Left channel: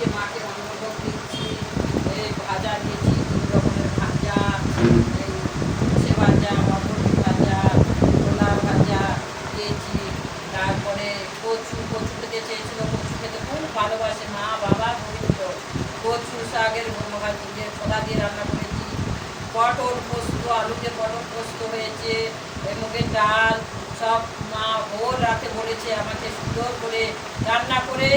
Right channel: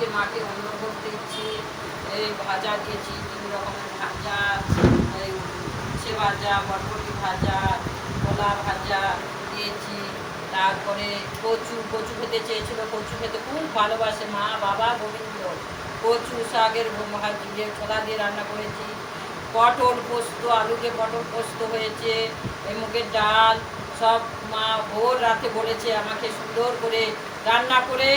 আজকে মাকে অন্নভোগ দিচ্ছি, এই ভাজা দিয়েছি 3 রকমের ভাজা, এই উচ্ছে ভাজা, বরবটি ভাজা, ছোলা ভাজা দিয়েছি। তারপরে কচু খেতে চেয়েছিল, কচু খেতে খুব ভালোবাসে মা, বাবা, গোবিন্দ। কচু শাকের যে ছোলা দিয়ে রান্না করেছি। পটল পোস্ত, আলু দিয়ে পটল পোস্ত হয়েছে, মুগের ডাল সব মা ভোর রাতে বলেছে আমাকে সুন্দর করে রান্না করে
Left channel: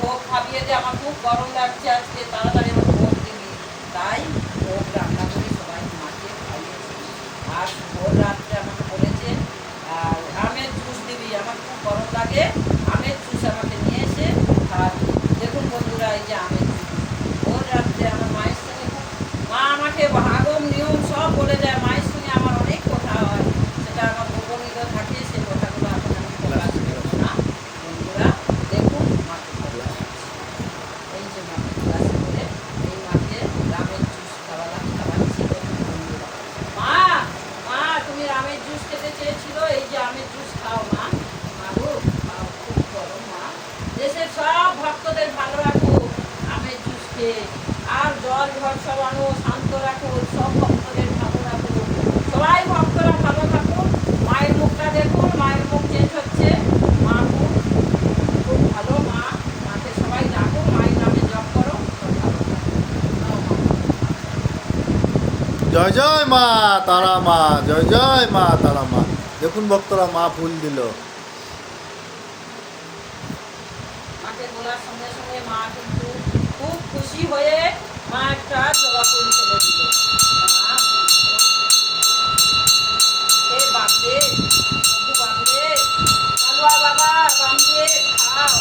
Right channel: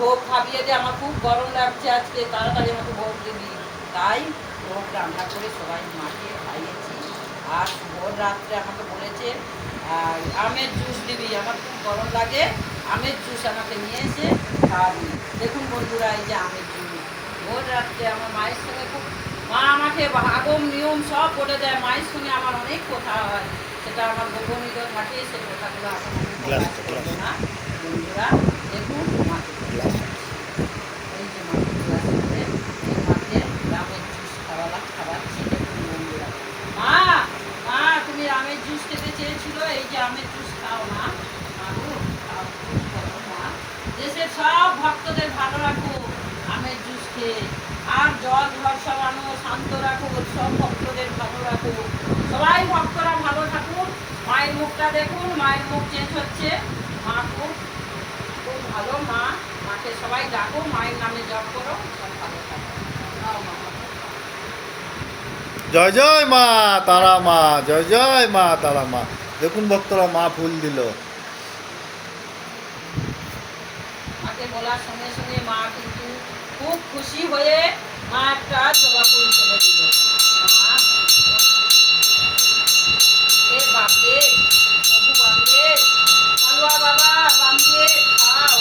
ভোগ খাবিয়ে দিয়ে। আমার খুব গরম লাগছে আজকে, তাড়াতাড়ি আমাকে ভোগ দিবি। তাই ভোগ রান্না করে সবাই মাকে খাইয়েছি। আর ভোর রাত্রে আমাকে বলেছে আমের জুস দিবি, আমার খুব গরম লাগে, আমের জুস আমাকে নিয়ে এসে খাওয়াবি। দেখুন বন্ধুরা, এই যে আমের জুস ভোর রাত্রে আমার মায়ের সঙ্গে মা আমাকে আগম নিয়ম সব বলে দেয়। মায়ের সঙ্গে আমার অনেক কথা হয়, সেটা আমার গোপনীয় থাকে, সে কথাগুলো এখন আমি প্রকাশ করবো না। বন্ধুরা দেখুন মাকে এই যে মাকে ক্লাস করে এই মাকে রামের জুস খাওয়াচ্ছি। দেখুন বন্ধুরা, মা মা তুমি রামের জুস খেতে চেয়েছিল, এই যে আমের জুস খাও মা। মাগো খাও, খুব গরম মা। দেশের সব ভক্তদের ভালো রাখো আমের জুস খেয়ে। আর জল ঘর সব আনো, শান্ত রাখো, সব ভক্তদের ভালো রাখো। সবাই ভক্তরা ভালো থাকুন। মায়ের মুখটা দেখুন, মায়ের মুখ চেঞ্জ হচ্ছে। মা খুব খুব ভালো মা, মাকে সবাই ডাকো, মায়ের নামে জপ করো, সব ভালো থাকো। জয় জয় মা তারা মা, জয় জয় মা তারা মা। দেখুন ভক্তরা মা ফুল দিল। মাকে বলার সঙ্গে সঙ্গে মা কিন্তু খুব খুশি হয়ে মা একটা জবা ফুল ফেলে দিল। মা এ বাপরে, প্রভু বাপরে, কালুয়া বাবা বান্ধে খাও।